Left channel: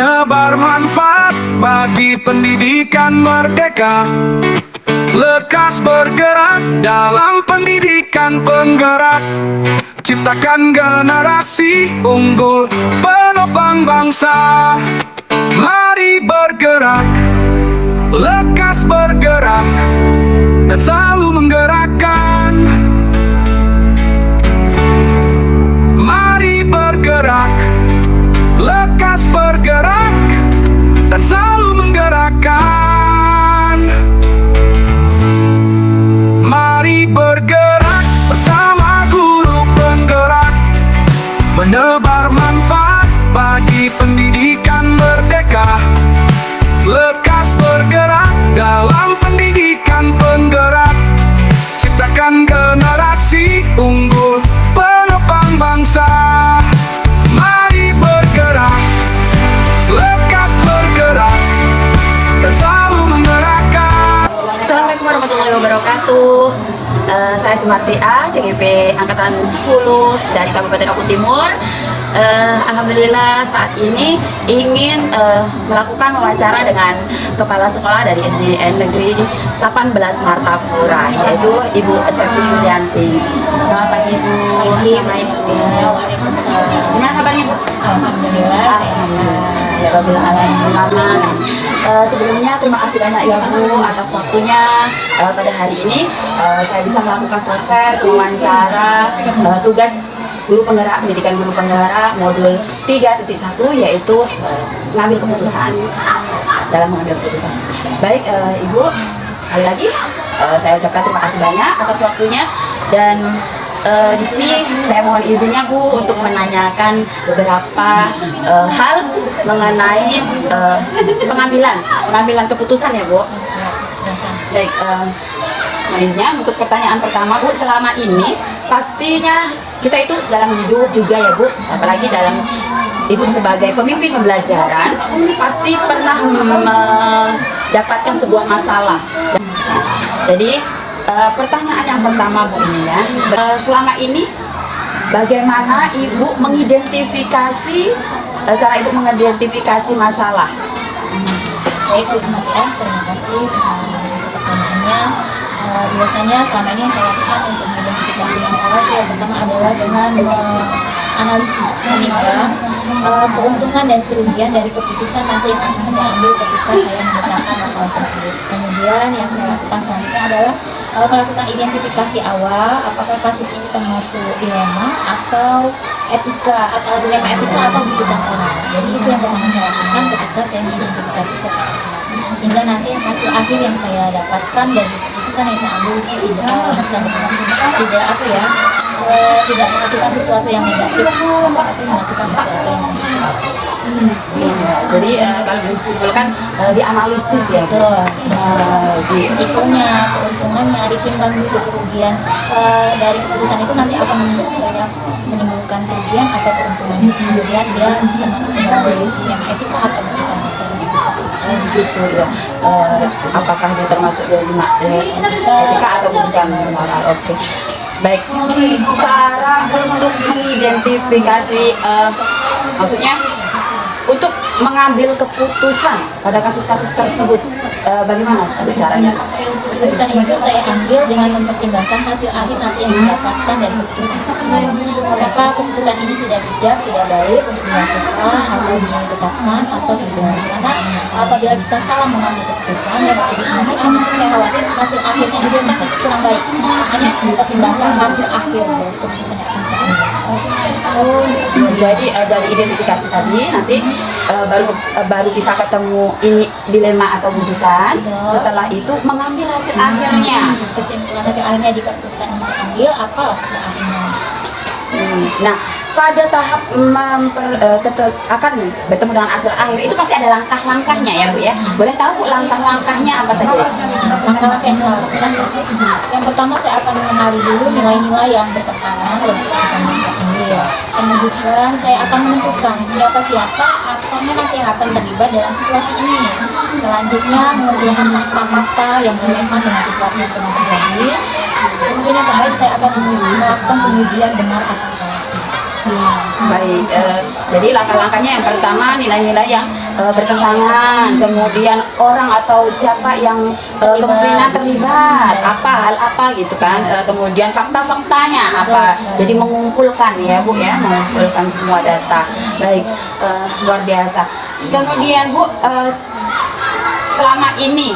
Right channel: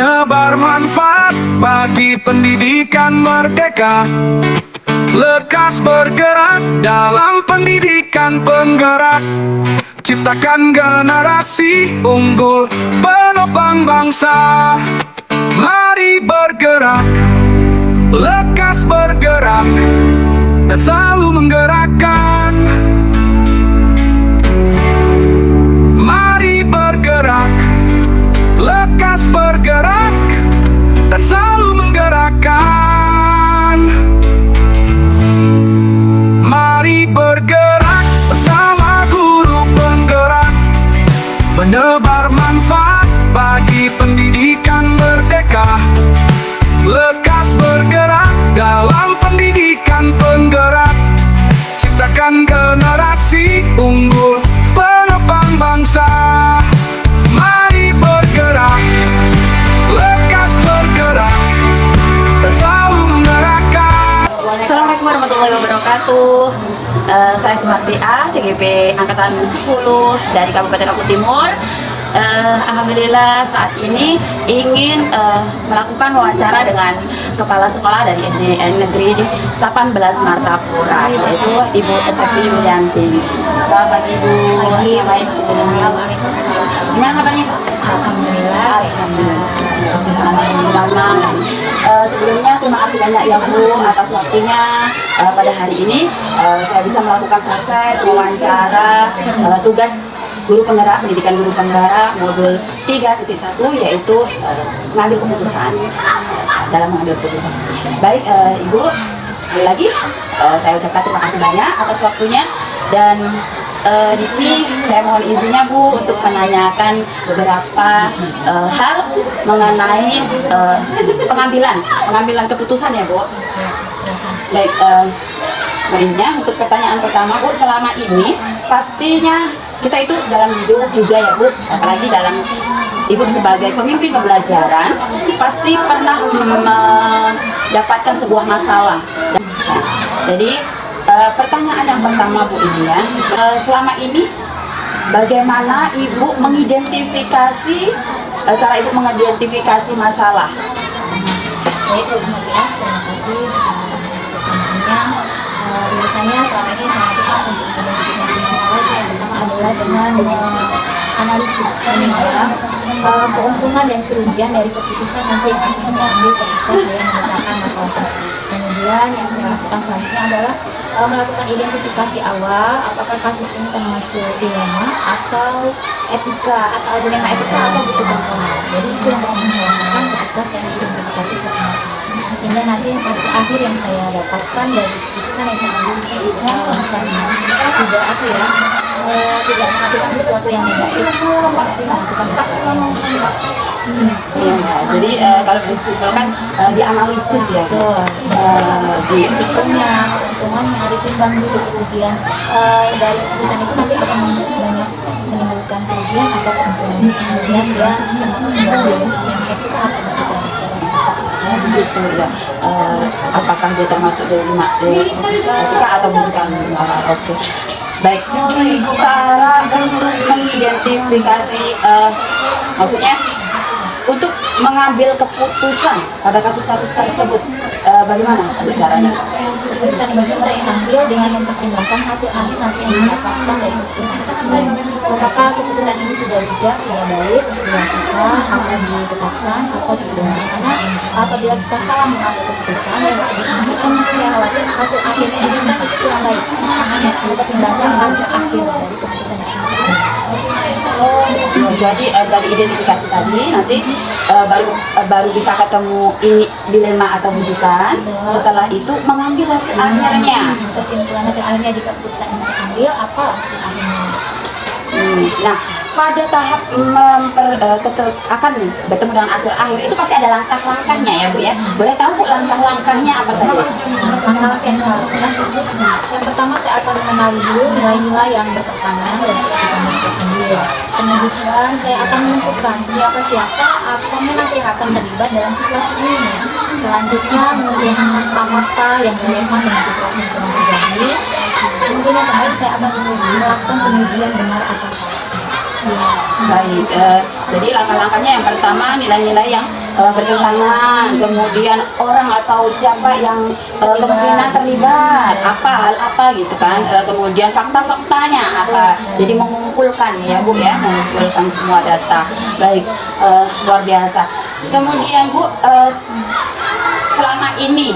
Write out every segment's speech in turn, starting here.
menebar manfaat bagi pendidikan merdeka. Lekas bergerak dalam pendidikan penggerak, ciptakan generasi unggul penopang bangsa. Mari bergerak, lekas bergerak, dan selalu menggerakkan. Mari bergerak, lekas bergerak, dan selalu menggerakkan. Mari bergerak bersama guru penggerak, menebar manfaat bagi pendidikan merdeka. Lekas bergerak dalam pendidikan penggerak, ciptakan generasi unggul penopang bangsa. Mari bergerak, lekas bergerak, dan selalu menggerakkan. Assalamualaikum warahmatullahi wabarakatuh. Saya Sumarti A, CGP Angkatan 10 dari Kabupaten Lombok Timur. Alhamdulillah saat ini ingin melakukan wawancara dengan Kepala Sekolah dari SDN Negeri 18 Martapura, yaitu Ibu Septi Yulianti. Selamat pagi Bu. Assalamualaikum. Gimana kabarnya Bu? Alhamdulillah. Sebelumnya terima kasih banyak ya Bu atas waktunya pada hari ini. Saya bisa melakukan proses wawancara tugas guru penggerak, pendidikan guru penggerak modul 3.1, yaitu mengambil keputusan, dalam mengambil keputusan. Baik Ibu, sekali lagi saya ucapkan terima kasih banyak atas waktunya, dan di sini saya mohon izinnya Bu untuk menanyakan beberapa hal mengenai pengambilan keputusan ya Bu. Baik, mohon izinnya untuk pertanyaan pertama Bu. Selama ini pastinya kita itu dalam hidup juga ya Bu, apalagi dalam Ibu sebagai pemimpin pembelajaran pasti pernah mendapatkan sebuah masalah. Jadi pertanyaan yang pertama Bu ini ya, selama ini bagaimana Ibu mengidentifikasi, cara Ibu mengidentifikasi masalah? Baik Bu Sumarti, terima kasih pertanyaannya. Biasanya selama ini saya lakukan untuk mengidentifikasi masalah yang pertama adalah dengan analisis menimbang keuntungan dan kerugian dari keputusan nanti yang akan saya ambil ketika saya memecahkan masalah tersebut. Kemudian yang saya lakukan selanjutnya adalah melakukan identifikasi awal, apakah kasus ini termasuk dilema atau etika, atau dilema etika atau butuh moral. Jadi itu yang pertama saya lakukan ketika saya mengidentifikasi suatu masalah, sehingga nanti hasil akhir yang saya dapatkan dari keputusan yang saya ambil bisa tidak menghasilkan sesuatu yang negatif, tapi menghasilkan sesuatu yang positif. Jadi kalau disimpulkan dianalisis ya, di risikonya, keuntungannya ditimbang dulu, kemudian dari keputusan itu nanti akan banyak menimbulkan kerugian atau keuntungan, kemudian dia termasuk dalam yang etika atau bukan. Begitu ya. Apakah dia termasuk etika atau bukan moral? Oke. Baik, cara untuk mengidentifikasi, maksudnya untuk mengambil keputusan pada kasus-kasus tersebut, bagaimana caranya? Keputusan itu saya ambil dengan mempertimbangkan hasil akhir nanti yang didapatkan dari keputusan tersebut. Apakah keputusan ini sudah bijak, sudah baik untuk dilakukan atau ditetapkan atau tidak? Karena apabila kita salah mengambil keputusan dan keputusan itu, saya khawatir hasil akhirnya diberikan itu kurang baik. Makanya mempertimbangkan hasil akhir dari keputusan yang akan saya ambil. Jadi dari identifikasi tadi nanti baru bisa ketemu ini dilema atau bujukan. Setelah itu mengambil hasil akhirnya. Kesimpulan hasil akhirnya jika keputusan yang saya ambil apa hasil akhirnya? Nah, pada tahap akan bertemu dengan hasil akhir itu pasti ada langkah-langkahnya ya Bu ya. Boleh tahu Bu langkah-langkahnya apa saja? Langkah-langkah yang saya lakukan, yang pertama saya akan mengenali dulu nilai-nilai yang bertentangan dengan keputusan yang saya ambil. Kemudian saya akan menentukan siapa-siapa atau nanti yang akan terlibat dalam situasi ini. Selanjutnya mengumpulkan fakta-fakta yang relevan dengan situasi yang sedang terjadi. Kemudian yang terakhir saya akan melakukan pengujian benar atau salah. Baik, jadi langkah-langkahnya yang pertama nilai-nilai yang bertentangan, kemudian orang atau siapa yang kemungkinan terlibat, apa hal apa gitu kan, kemudian fakta-faktanya apa, jadi mengumpulkan ya Bu ya, mengumpulkan semua data. Baik, luar biasa. Kemudian Bu, selama ini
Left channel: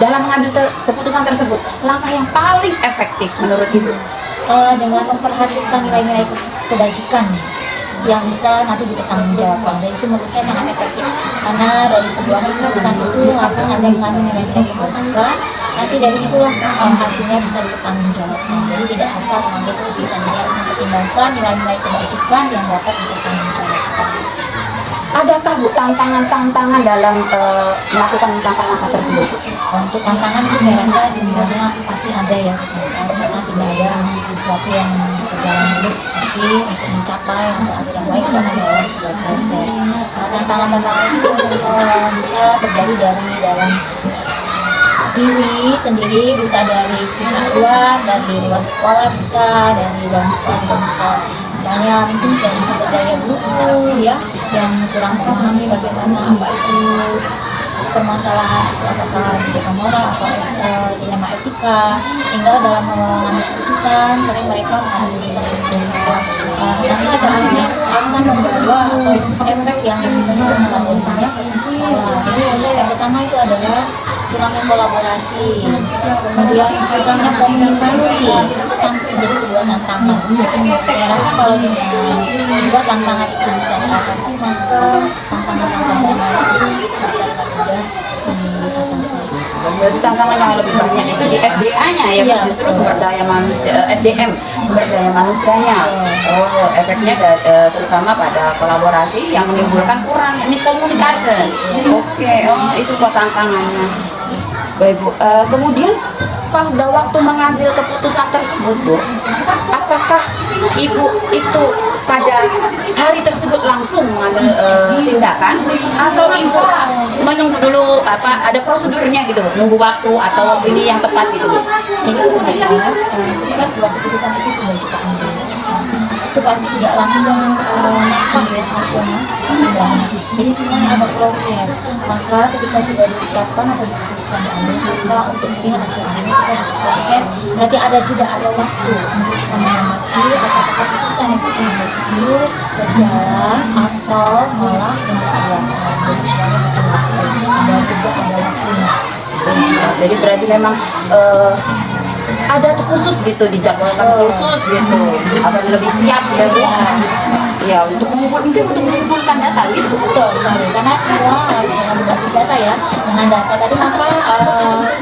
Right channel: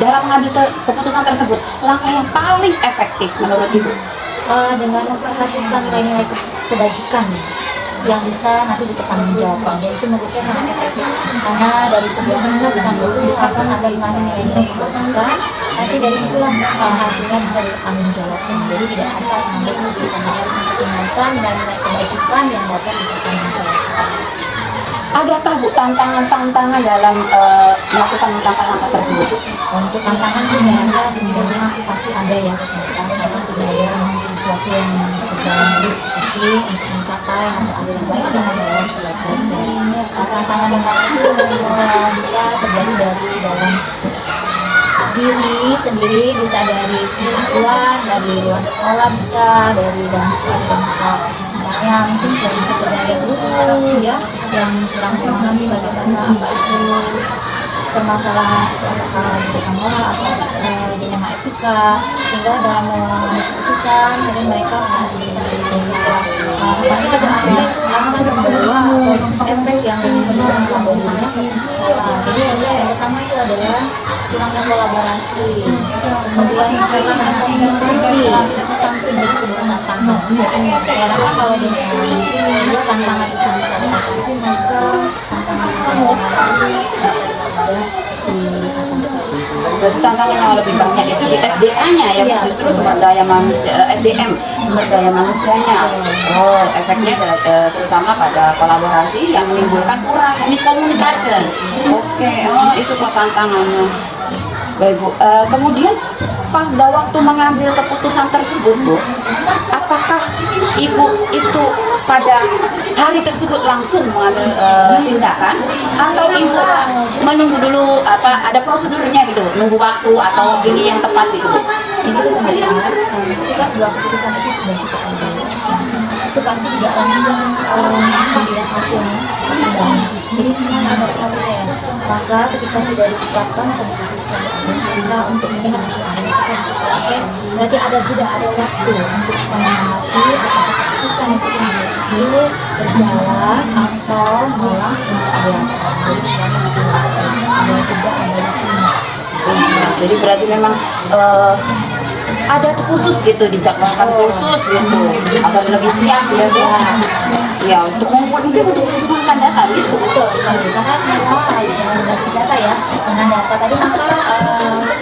dalam mengambil keputusan tersebut, langkah yang paling efektif menurut Ibu? Dengan memperhatikan nilai-nilai kebajikan yang bisa nanti dipertanggungjawabkan, dan itu menurut saya sangat efektif, karena dari sebuah keputusan itu harus ada nilai-nilai kebajikan, nanti dari situlah hasilnya bisa dipertanggungjawabkan. Jadi tidak asal mengambil keputusan, harus mempertimbangkan nilai-nilai kebajikan yang dapat dipertanggungjawabkan. Adakah Bu tantangan-tantangan dalam melakukan langkah-langkah tersebut? Untuk tantangan itu saya rasa sebenarnya pasti ada ya, karena kita tidak ada sesuatu yang berjalan mulus, pasti untuk mencapai hasil akhir yang baik itu adalah sebuah proses. Tantangan-tantangan itu bisa terjadi dari dalam diri sendiri, bisa dari pihak luar, dari luar sekolah, bisa dari dalam sekolah juga bisa. Misalnya mungkin dari sumber daya guru ya, yang kurang memahami bagaimana apa itu permasalahan, apakah kebijakan moral atau dilema etika, sehingga dalam mengambil keputusan sering mereka bisa disebutkan nanti kesannya akan membawa atau efek yang menentukan pada dirinya ke sekolah. Jadi yang pertama itu adalah kurangnya kolaborasi, kemudian kurangnya komunikasi, itu tentu menjadi sebuah tantangan. Saya rasa kalau dengan dua tantangan itu bisa diatasi, maka tantangan itu bisa mudah diatasi. Berarti tantangan yang lebih banyak itu di SDA-nya ya, Iya, justru sumber daya manusia, SDM, sumber daya manusianya. Oh, efeknya terutama pada kolaborasi yang menimbulkan kurang miskomunikasi. Oke, oh, itu kok tantangannya. Baik Bu, kemudian pada waktu mengambil keputusan tersebut Bu, apakah Ibu itu pada hari tersebut langsung mengambil tindakan, atau Ibu menunggu dulu ada prosedurnya gitu, nunggu waktu atau ini yang tepat gitu Bu? Jadi sebenarnya ketika sebuah keputusan itu sudah kita ambil, itu pasti tidak langsung melihat hasilnya. Jadi semuanya ada proses. Maka ketika sudah ditetapkan atau diputuskan diambil, maka untuk melihat hasil akhirnya kita ada proses. Berarti ada jeda, ada waktu untuk mengamati apakah keputusan yang kita ambil berjalan atau malah berjalan. Jadi semuanya butuh waktu. Ada jeda, ada waktunya. Jadi berarti memang ada khusus gitu, dijadwalkan khusus gitu agar lebih siap ya Bu. Ya untuk mengumpulkan data gitu. Betul sekali, karena semua harus berbasis data ya. Dengan data tadi maka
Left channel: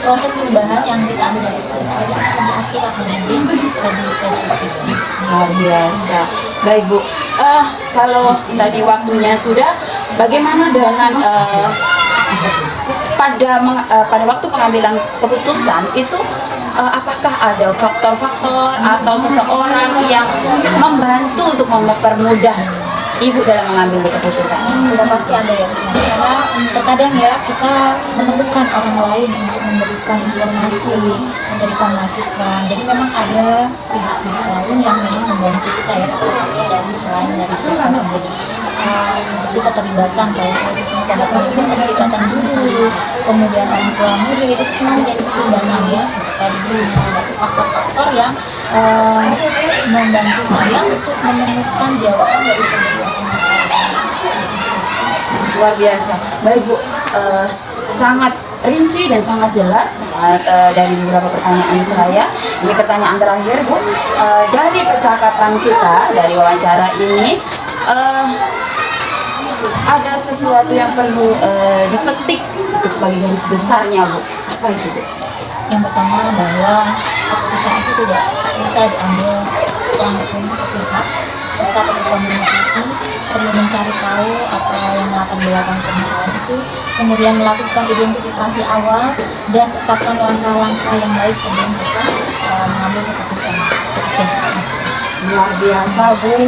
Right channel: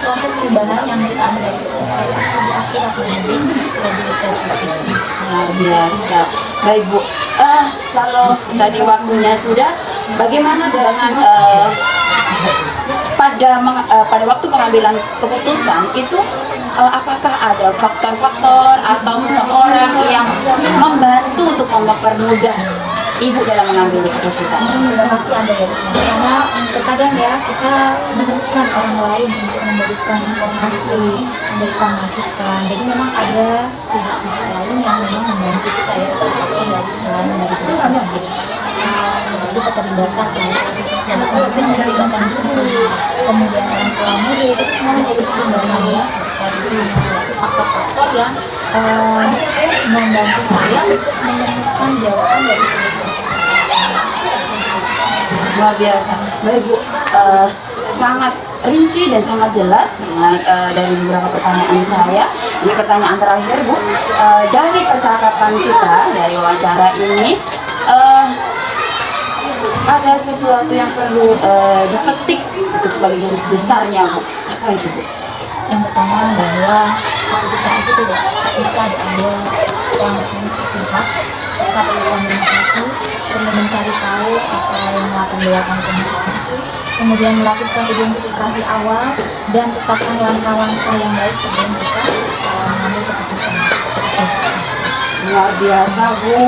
proses perubahan yang kita ambil dari keputusan itu kita lebih spesifik. Luar biasa. Baik Bu, kalau tadi waktunya sudah, bagaimana dengan pada waktu pengambilan keputusan itu, apakah ada faktor-faktor atau seseorang yang membantu untuk mempermudah Ibu dalam mengambil keputusan? Sudah pasti ada ya, karena terkadang ya kita memerlukan orang lain untuk memberikan informasi, memberikan masukan. Jadi memang ada pihak-pihak lain yang memang membantu kita ya, dari selain dari kita sendiri. Seperti keterlibatan, kalau saya sebagai pemimpin keterlibatan guru, kemudian orang tua murid, itu semua menjadi pertimbangan ya, supaya diberi faktor-faktor yang membantu saya untuk menemukan jawaban dari sebuah permasalahan. Luar biasa. Baik Bu, sangat rinci dan sangat jelas dari beberapa pertanyaan saya. Ini pertanyaan terakhir Bu, dari percakapan kita, dari wawancara ini, ada sesuatu yang perlu dipetik untuk sebagai garis besarnya Bu. Apa itu Bu? Yang pertama bahwa keputusan itu tidak bisa diambil langsung sepihak. Kita perlu komunikasi, perlu mencari tahu apa yang melatar belakang permasalahan itu, kemudian melakukan identifikasi awal dan tetapkan langkah-langkah yang baik sebelum kita mengambil keputusan. Luar biasa Bu,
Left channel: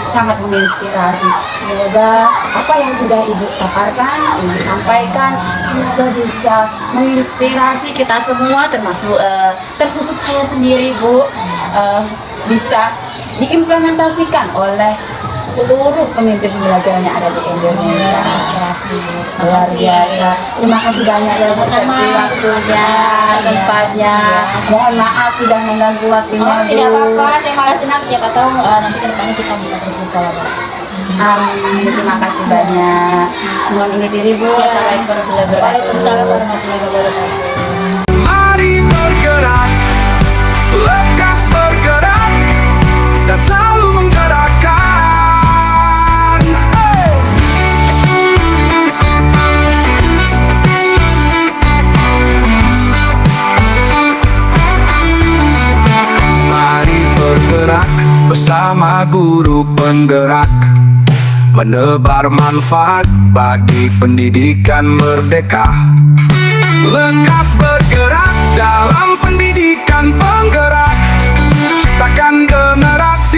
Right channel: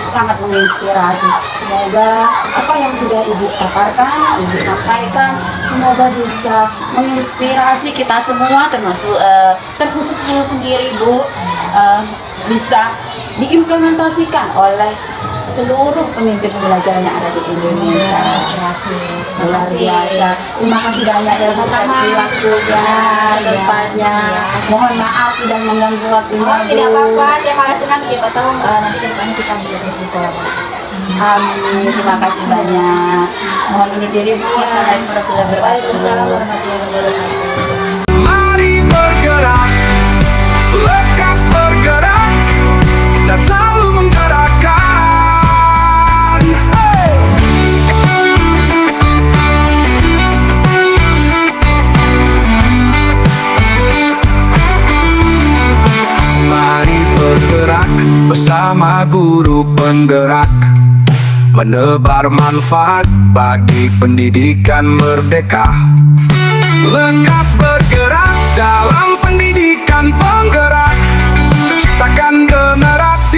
sangat menginspirasi. Semoga apa yang sudah Ibu paparkan, Ibu sampaikan, semoga bisa menginspirasi kita semua, termasuk terkhusus saya sendiri Bu, bisa diimplementasikan oleh seluruh pemimpin belajar yang ada di Indonesia. Luar biasa. Terima kasih banyak yang bersama waktunya, tempatnya. Mohon maaf sudah mengganggu waktunya. Oh, Bu. tidak apa-apa, saya malah senang, siapa tahu nanti ke depannya kita bisa terus berkolaborasi. Amin. Terima kasih banyak. Mohon undur diri Bu. Assalamualaikum warahmatullahi wabarakatuh. Waalaikumsalam warahmatullahi wabarakatuh. Mari bergerak, lekas bergerak, dan selalu menggerakkan. Hey! Mari bergerak bersama guru penggerak, menebar manfaat bagi pendidikan merdeka. Lekas bergerak dalam pendidikan penggerak, ciptakan generasi